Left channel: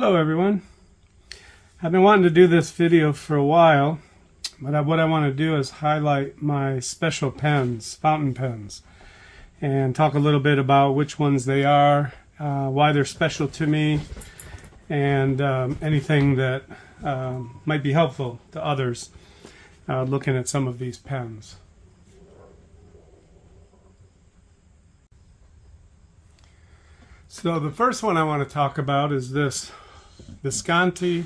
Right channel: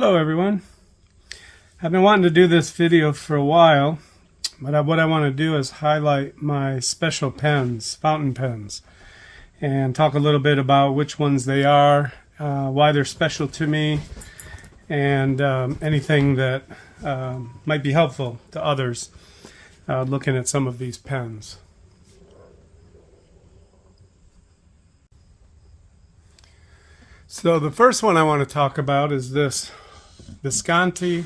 Hello everyone. I've been wanting to do this video for a while, but what I want to do is highlight my special pens, fountain pens, and talk a little bit about which ones they are, why they're special to me, and anything that might be helpful to others looking at some of these pens. So the first one I want to talk about is this Visconti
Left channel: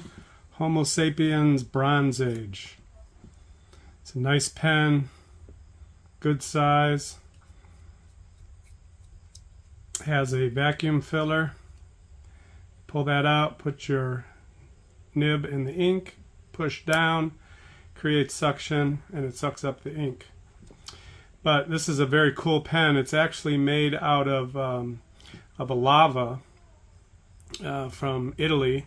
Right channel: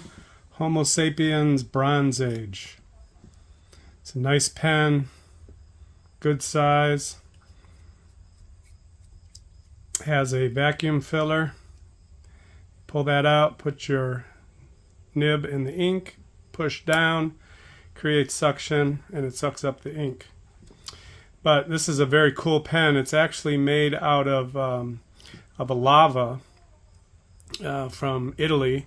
Homo Sapiens Bronze Age. It's a nice pen, good size, has a vacuum filler. Pull that out, put your nib in the ink, push down, creates suction, and it sucks up the ink. But this is a very cool pen. It's actually made out of a lava from Italy,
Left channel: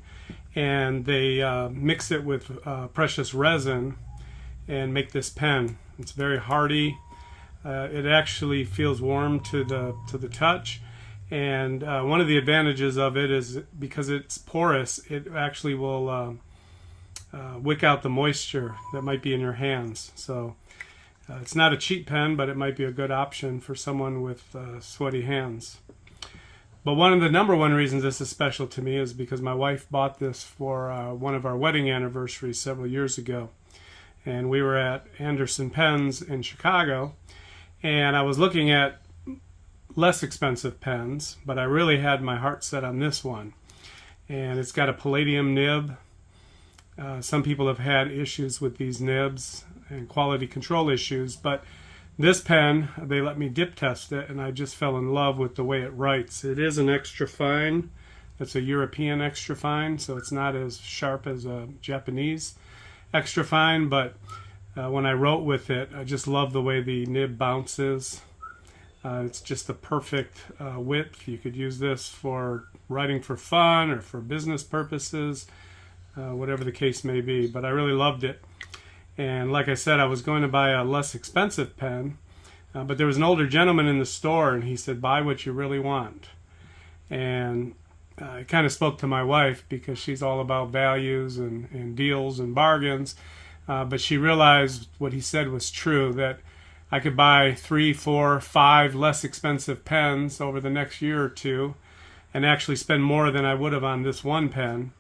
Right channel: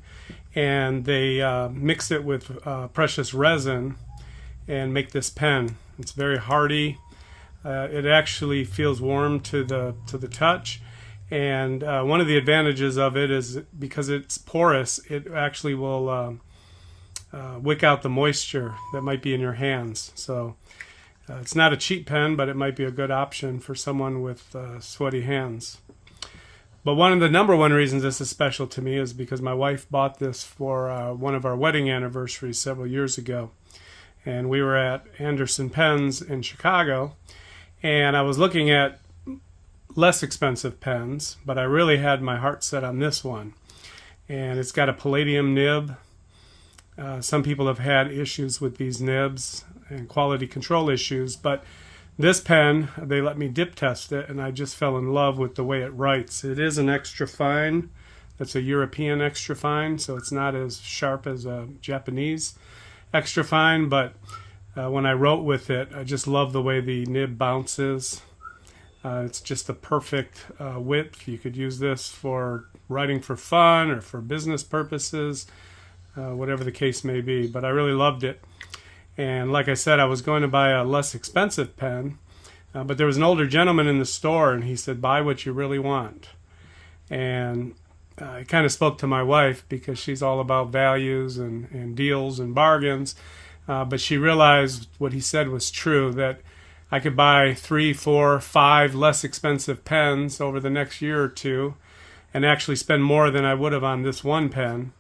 and they mix it with precious resin and make this pen. It's very hardy. It actually feels warm to the touch, and one of the advantages of it is because it's porous, it actually will wick out the moisture that might be in your hands. So it's not a cheap pen, but it might be a good option for someone with sweaty hands. But one of the number one reasons this is special to me is because my wife bought this for one of our wedding anniversaries several years ago. And we were at Anderson Pens in Chicago, and I was looking at less expensive pens, but I really had my heart set on this one. And it's got a palladium nib. Some people have had issues with these nibs and quality control issues, but this pen, they let me dip test it, and I just fell in love with the way it writes. It is an extra fine. It's a European extra fine, so it's not as sharp as a Japanese extra fine, but when I wrote with it, I just love the way the nib bounces. It's just the perfect width. You could use this for writing for fun or for business purposes, whatever the case may be, but I really loved it. And like I said, I was going to buy a less expensive pen, but there was an older gentleman in the store, and he said, buy what you really want. And it kind of spoke to my wife because she's all about values and deals and bargains. But she realized what he said was true, that I could buy 3, 4, 5 less expensive pens over the next year or two and actually spend more than I would have on this one pen.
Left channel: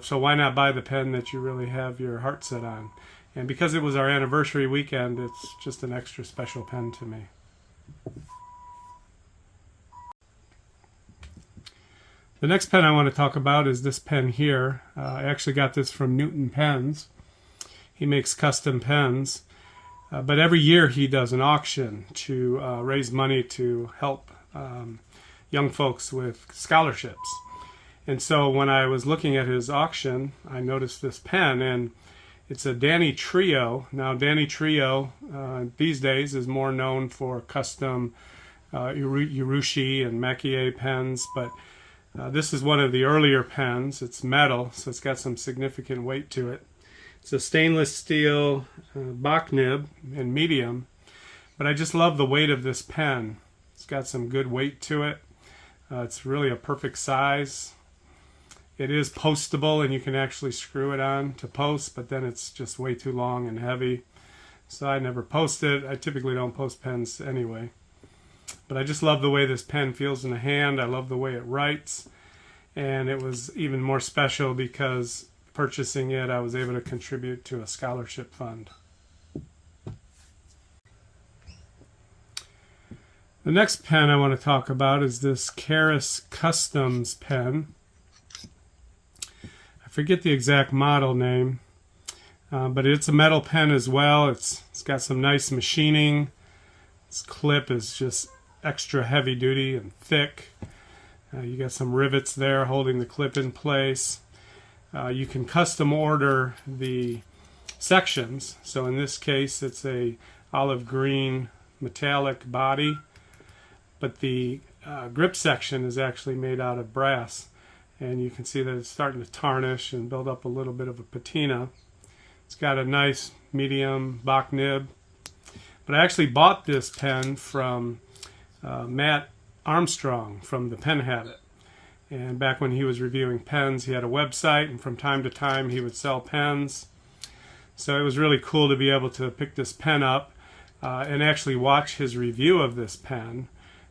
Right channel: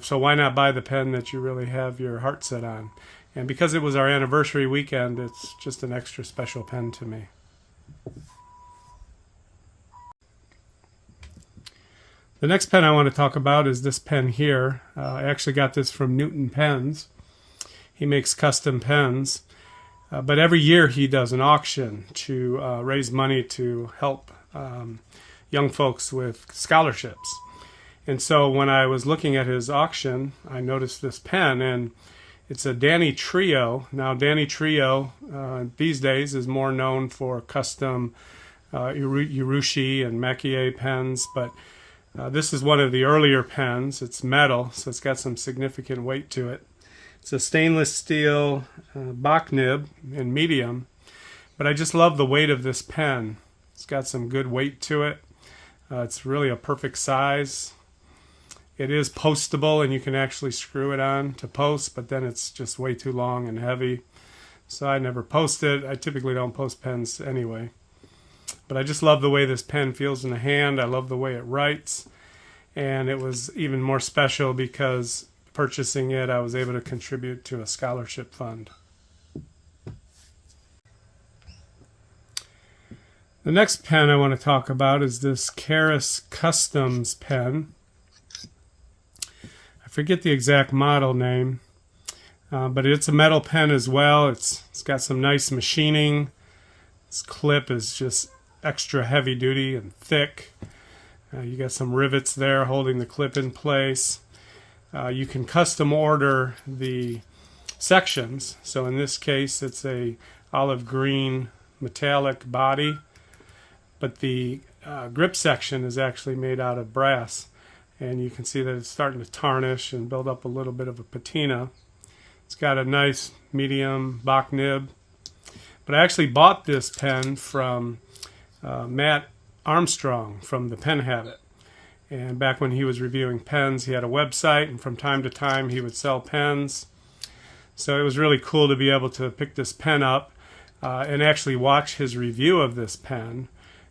So why not buy the pen that you really have your heart set on? And because it was our anniversary weekend, it's just an extra special pen to me. The next pen I want to talk about is this pen here. I actually got this from Newton Pens. He makes custom pens. But every year he does an auction to raise money to help young folks with scholarships. And so when I was looking at his auction, I noticed this pen, and it's a Danny Trio. Now, Danny Trio these days is more known for custom Urushi and Maki pens, but this is one of the earlier pens. It's metal, so it's got some significant weight to it. It's a stainless steel Bach nib in medium, but I just love the weight of this pen. It's got some good weight to it. It's really a perfect size. It is postable, and you can actually screw it on to post, but then it's just way too long and heavy. So I never post it. I typically don't post pens anyway. But I just love the way this pen feels in the hand. I love the way it writes. And it was even more special because purchasing it, I was able to contribute to a scholarship fund. The next pen I want to talk about is this Karas Customs pen. I forget the exact model name, but it's a metal pen as well. It's got some nice machining. This clip is just extra heavy duty and thick. You got some rivets there holding the clip in place. You can custom order the sections. So in this case, it's a olive green metallic body, but the grip section is actually made out of brass. And you can see that it's starting to tarnish and build up a little bit of a patina. It's got a nice medium Bach nib. But I actually bought this pen from Matt Armstrong from the Pen Habit. And back when he was reviewing pens, he had a website, and from time to time he would sell pens. So it was really cool to be able to pick this pen up and actually watch his review of this pen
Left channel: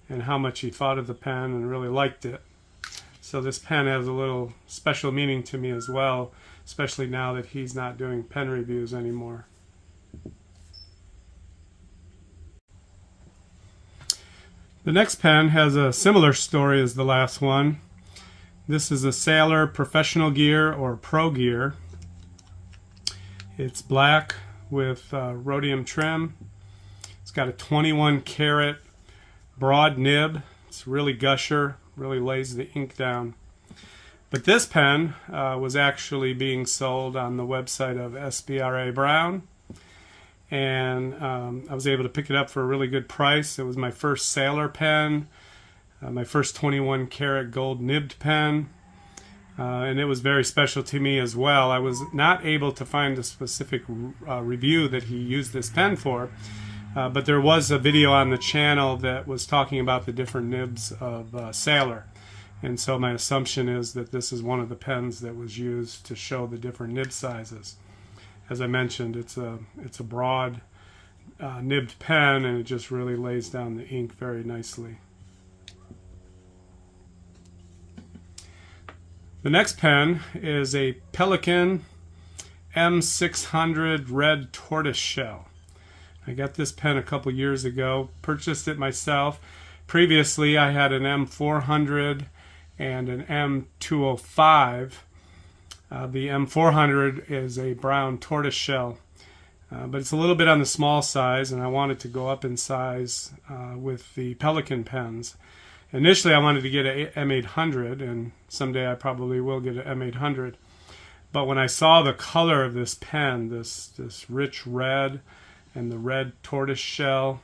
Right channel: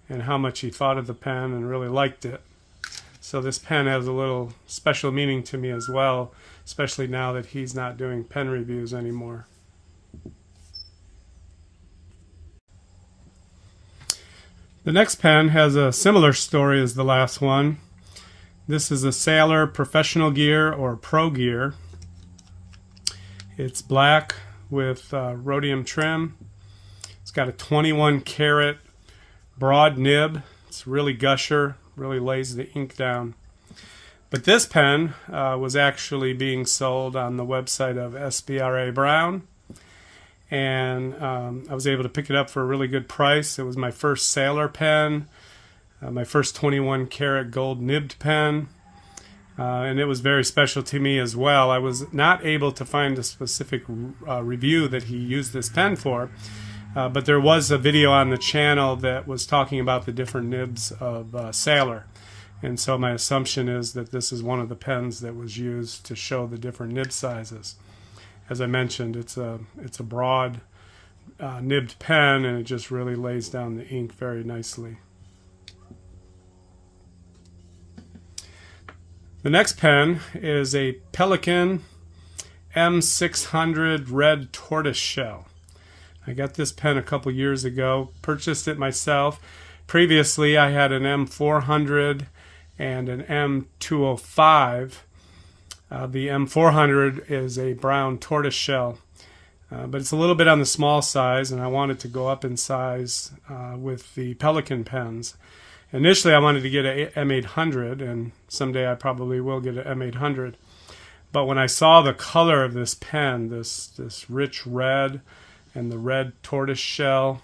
and how much he thought of the pen and really liked it. So this pen has a little special meaning to me as well, especially now that he's not doing pen reviews anymore. The next pen has a similar story as the last one. This is a Sailor Professional Gear or Pro Gear. It's black with rhodium trim. It's got a 21 karat broad nib. It's really gusher, really lays the ink down. But this pen was actually being sold on the website of SBRA Brown, and I was able to pick it up for a really good price. It was my first Sailor pen, my first 21 karat gold nibbed pen, and it was very special to me as well. I was not able to find a specific review that he used this pen for, but there was a video on the channel that was talking about the different nibs of Sailor. And so my assumption is that this is one of the pens that was used to show the different nib sizes. As I mentioned, it's a broad nibbed pen, and it just really lays down the ink very nicely. The next pen is a Pelikan M600 red tortoise shell. I got this pen a couple years ago, purchased it myself. Previously I had an M400 and an M205. The M400 is a brown tortoise shell, but it's a little bit on the small size, and I wanted to go up in size with the Pelikan pens. Initially I wanted to get an M800, and someday I probably will get an M800. But when I saw the color of this pen, this rich red and the red tortoise shell,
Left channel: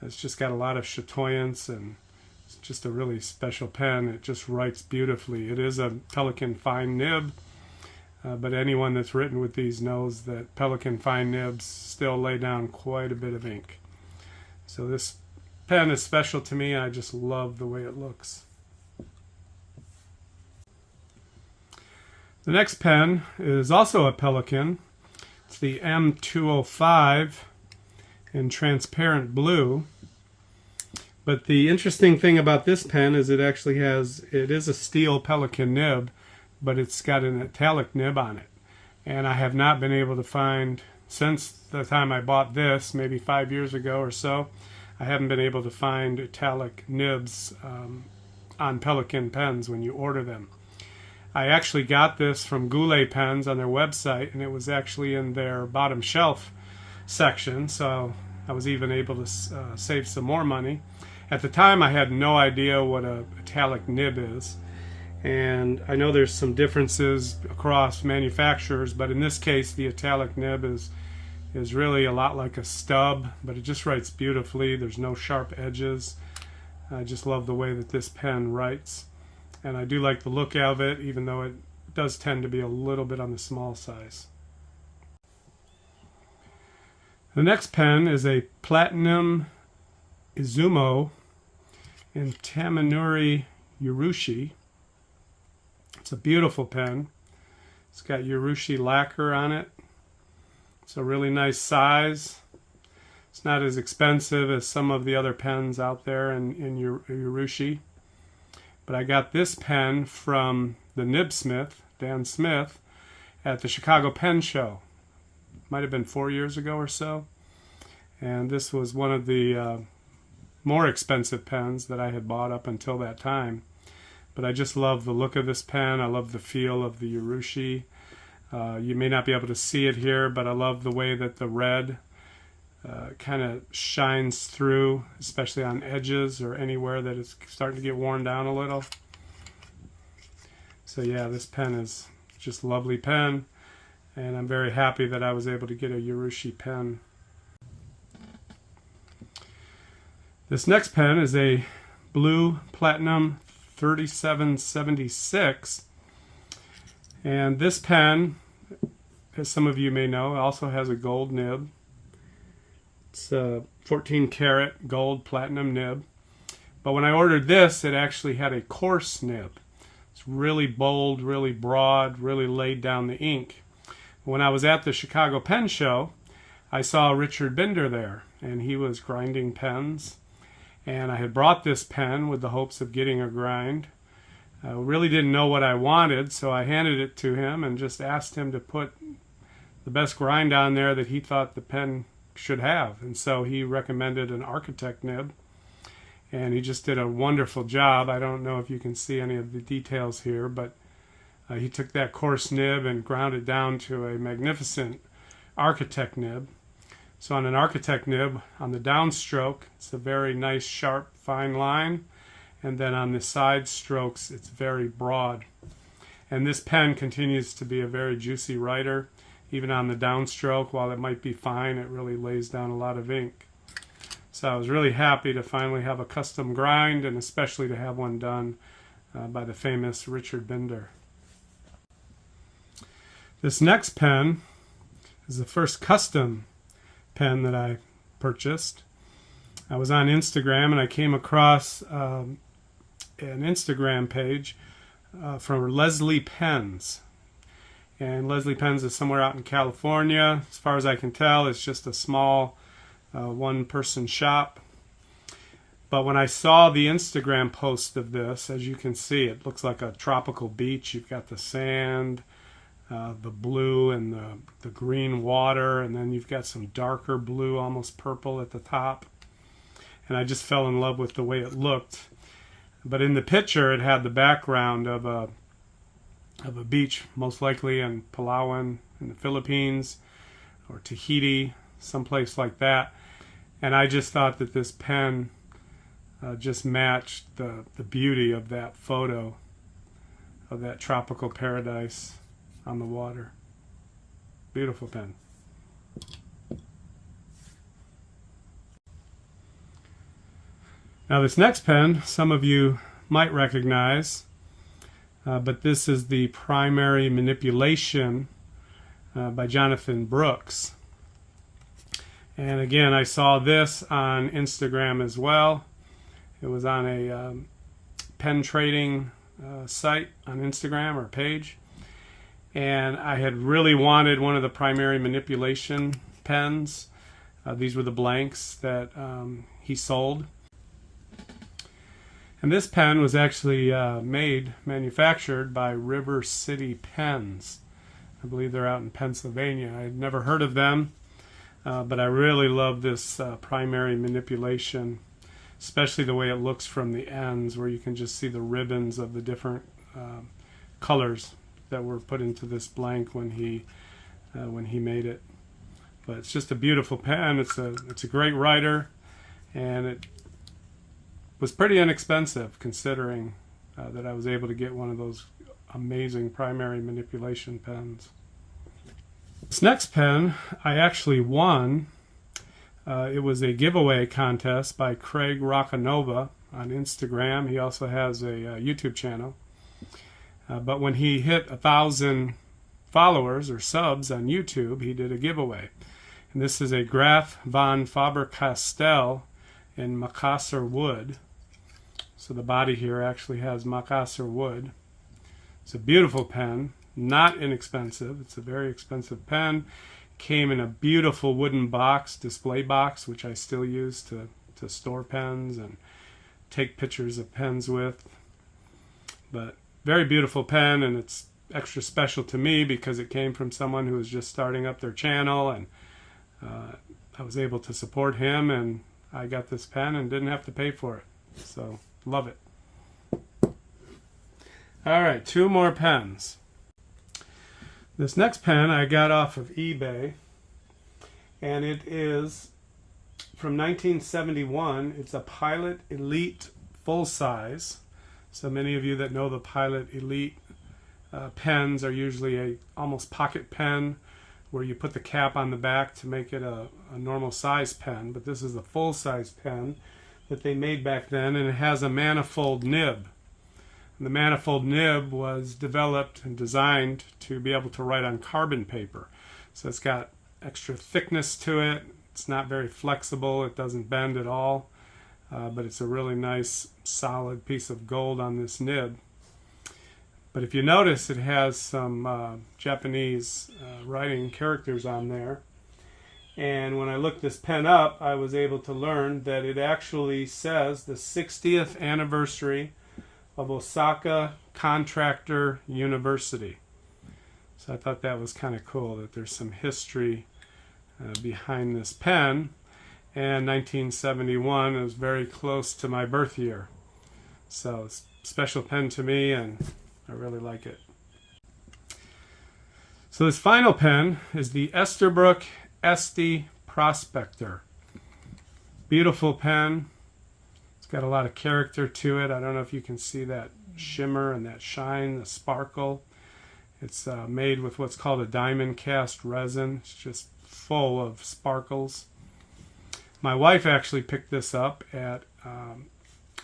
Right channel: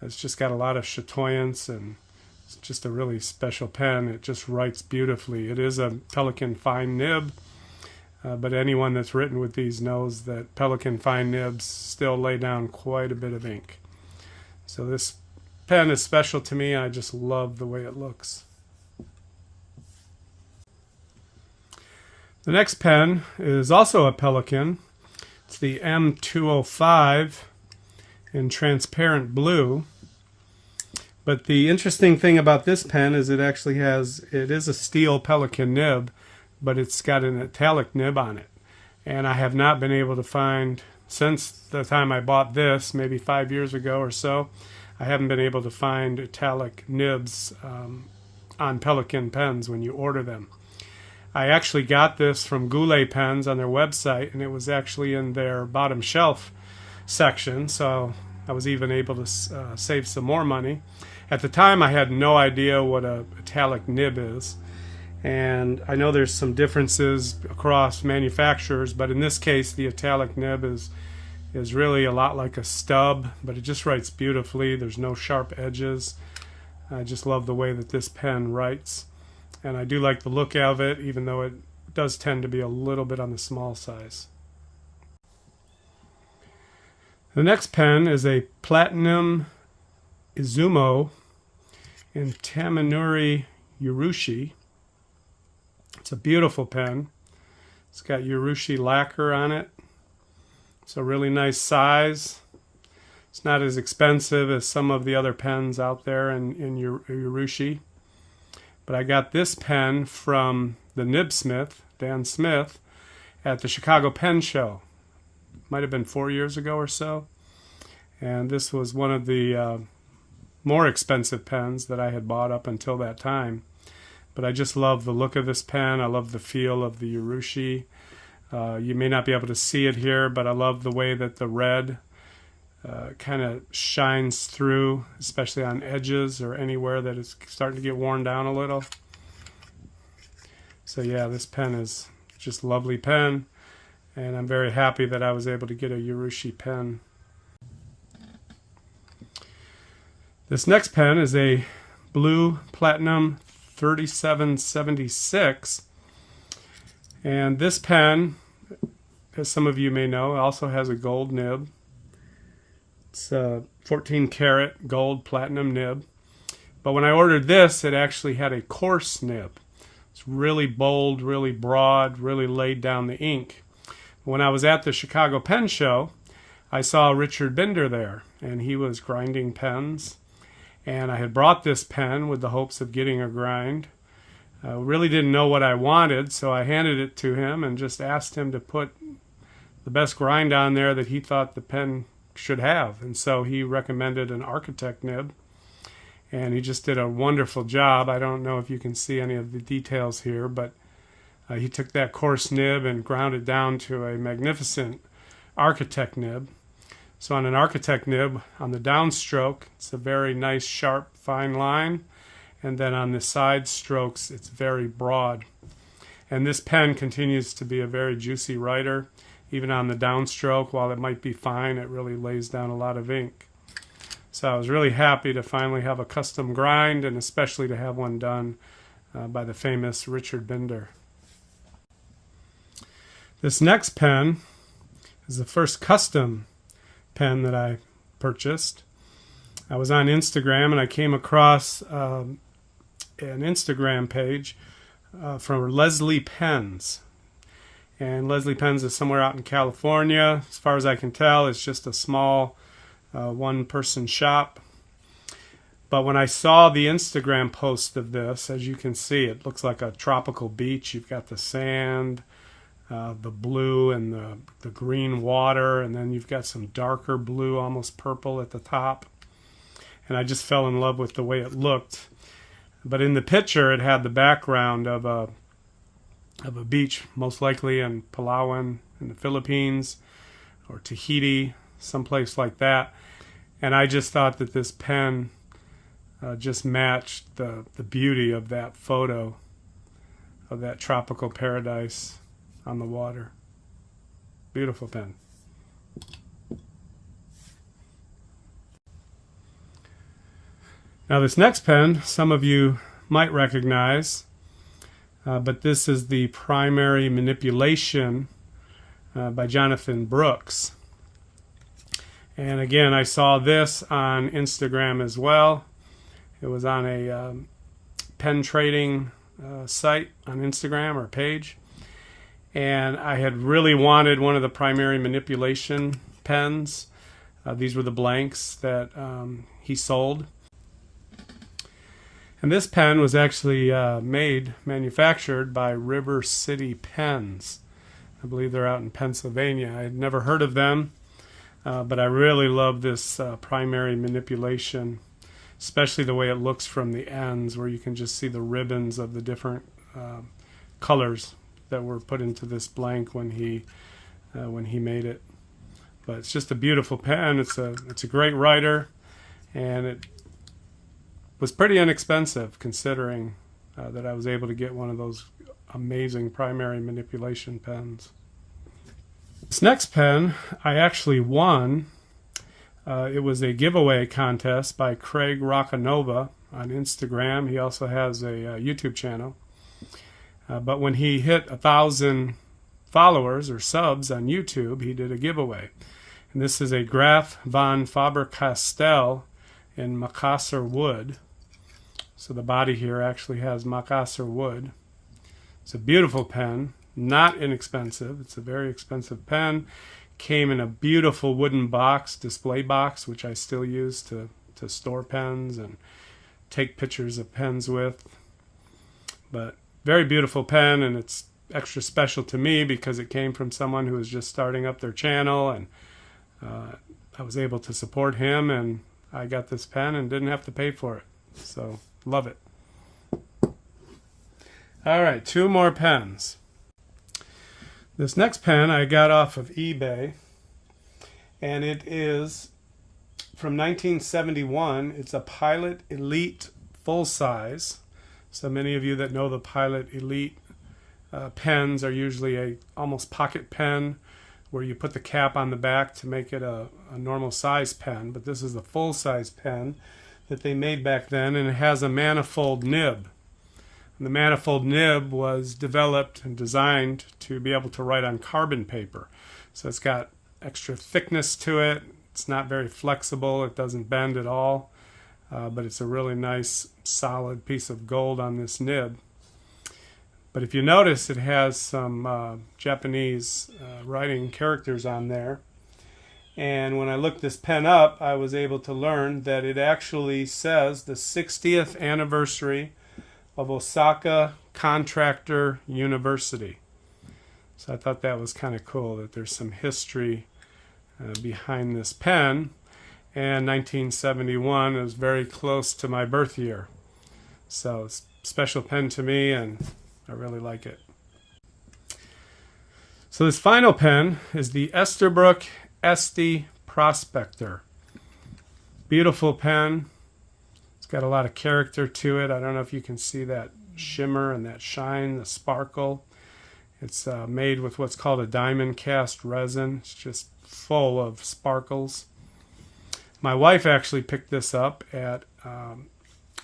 it's just got a lot of chatoyance, and it's just a really special pen. It just writes beautifully. It is a Pelikan fine nib, but anyone that's written with these knows that Pelikan fine nibs still lay down quite a bit of ink. So this pen is special to me. I just love the way it looks. The next pen is also a Pelikan. It's the M205 in transparent blue. But the interesting thing about this pen is it is a steel Pelikan nib, but it's got an italic nib on it. And I have not been able to find, since the time I bought this, maybe 5 years ago or so, I haven't been able to find italic nibs on Pelikan pens when you order them. I actually got this from Goulet Pens on their website, and it was actually in their bottom shelf section, so I was even able to save some more money. At the time, I had no idea what an italic nib is, and I know there's some differences across manufacturers, but in this case, the italic nib is really a lot like a stub, but it just writes beautifully. There's no sharp edges. I just love the way that this pen writes, and I do like the look of it, even though it does tend to be a little bit on the small size. The next pen is a Platinum Izumo in Tamanuri Urushi. It's a beautiful pen. It's got Urushi lacquer on it. It's a really nice size. It's not as expensive as some of the other pens out there in Urushi. But I got this pen from the Nibsmith, Dan Smith, at the Chicago Pen Show. Might have been 4 years ago or so. And this was one of the more expensive pens that I had bought up until that time. But I just love the look of this pen. I love the feel of the Urushi. You may not be able to see it here, but I love the way that the red kind of shines through, especially on edges or anywhere that it's starting to get worn down a little. So yeah, this pen is just a lovely pen, and I'm very happy that I was able to get a Urushi pen. This next pen is a blue Platinum 3776, and this pen, as some of you may know, also has a gold nib. It's a 14 karat gold platinum nib, but when I ordered this, it actually had a coarse nib. It's really bold, really broad, really laid down the ink. When I was at the Chicago Pen Show, I saw Richard Binder there, and he was grinding pens. And I had brought this pen with the hopes of getting a grind. Really didn't know what I wanted, so I handed it to him and just asked him to put the best grind on there that he thought the pen should have. And so he recommended an Architect nib, and he just did a wonderful job. I don't know if you can see any of the details here, but he took that coarse nib and ground it down to a magnificent Architect nib. So on an Architect nib, on the downstroke, it's a very nice, sharp, fine line. And then on the side strokes, it's very broad. And this pen continues to be a very juicy writer. Even on the downstroke, while it might be fine, it really lays down a lot of ink. So I was really happy to finally have a custom grind, and especially to have one done by the famous Richard Binder. This next pen is the first custom pen that I purchased. I was on Instagram and I came across an Instagram page from Leslie Pens. And Leslie Pens is somewhere out in California. As far as I can tell, it's just a small one-person shop. But when I saw the Instagram post of this, as you can see, it looks like a tropical beach. You've got the sand, the blue and the green water, and then you've got some darker blue, almost purple at the top. And I just fell in love with the way it looked. But in the picture, it had the background of a beach, most likely in Palawan in the Philippines or Tahiti, someplace like that. And I just thought that this pen just matched the beauty of that photo of that tropical paradise on the water. Beautiful pen. Now this next pen, some of you might recognize, but this is the Primary Manipulation by Jonathan Brooks. And again, I saw this on Instagram as well. It was on a pen trading site on Instagram or page. And I had really wanted one of the Primary Manipulation pens. These were the blanks that he sold. And this pen was actually manufactured by River City Pens. I believe they're out in Pennsylvania. I had never heard of them, but I really love this Primary Manipulation, especially the way it looks from the ends, where you can just see the ribbons of the different colors that were put into this blank when he made it. But it's just a beautiful pen. It's a great writer, and it was pretty inexpensive considering that I was able to get one of those amazing Primary Manipulation pens. This next pen I actually won. It was a giveaway contest by Craig Roccanova on Instagram. He also has a YouTube channel. But when he hit 1,000 followers or subs on YouTube, he did a giveaway. And this is a Graf von Faber-Castell in Macassar wood. So the body here actually has Macassar wood. It's a beautiful pen, not inexpensive. It's a very expensive pen. Came in a beautiful wooden box, display box, which I still use to store pens and take pictures of pens with. But very beautiful pen, and it's extra special to me because it came from someone who was just starting up their channel, and I was able to support him, and I got this pen and didn't have to pay for it. So, love it. All right, 2 more pens. This next pen I got off of eBay, and it is from 1971. It's a Pilot Elite full size. So many of you that know the Pilot Elite pens are usually a almost pocket pen where you put the cap on the back to make it a normal size pen. But this is the full size pen that they made back then, and it has a manifold nib. And the manifold nib was developed and designed to be able to write on carbon paper. So it's got extra thickness to it. It's not very flexible. It doesn't bend at all. But it's a really nice, solid piece of gold on this nib. But if you notice, it has some Japanese writing characters on there. And when I looked this pen up, I was able to learn that it actually says the 60th anniversary of Osaka Contractor University. So I thought that was kind of cool that there's some history behind this pen. And 1971 is very close to my birth year. So it's a special pen to me, and I really like it. So this final pen is the Esterbrook Esty Prospector. Beautiful pen. It's got a lot of character to it. I don't know if you can see that shimmer and that shine, the sparkle. It's made with what's called a diamond cast resin. It's just full of sparkles. My wife actually picked this up at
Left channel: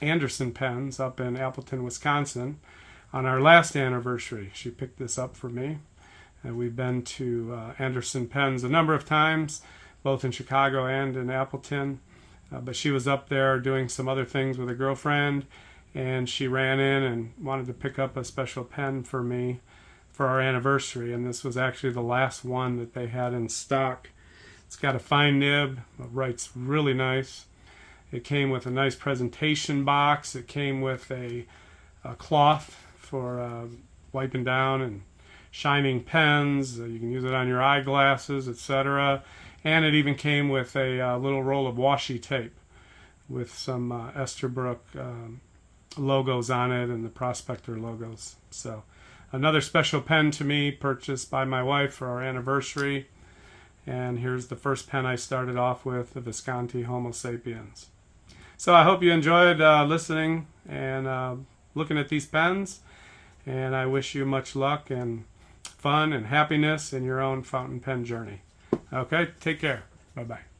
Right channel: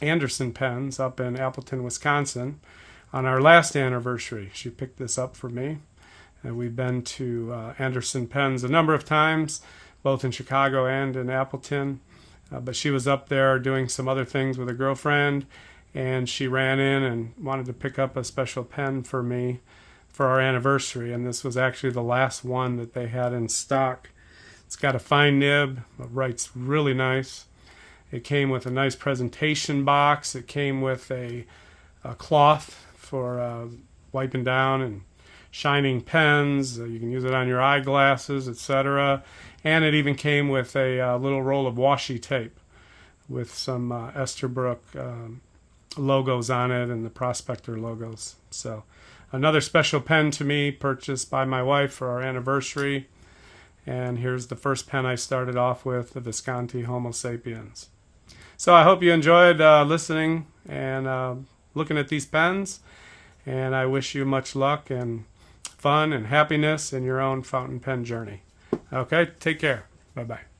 Anderson Pens up in Appleton, Wisconsin on our last anniversary. She picked this up for me. And we've been to Anderson Pens a number of times, both in Chicago and in Appleton. But she was up there doing some other things with a girlfriend, and she ran in and wanted to pick up a special pen for me for our anniversary. And this was actually the last one that they had in stock. It's got a fine nib, it writes really nice. It came with a nice presentation box. It came with a cloth for wiping down and shining pens. You can use it on your eyeglasses, etc. And it even came with a little roll of washi tape with some Esterbrook logos on it and the Prospector logos. So another special pen to me, purchased by my wife for our anniversary. And here's the first pen I started off with, the Visconti Homo Sapiens. So I hope you enjoyed listening and looking at these pens. And I wish you much luck and fun and happiness in your own fountain pen journey. Okay, take care. Bye-bye.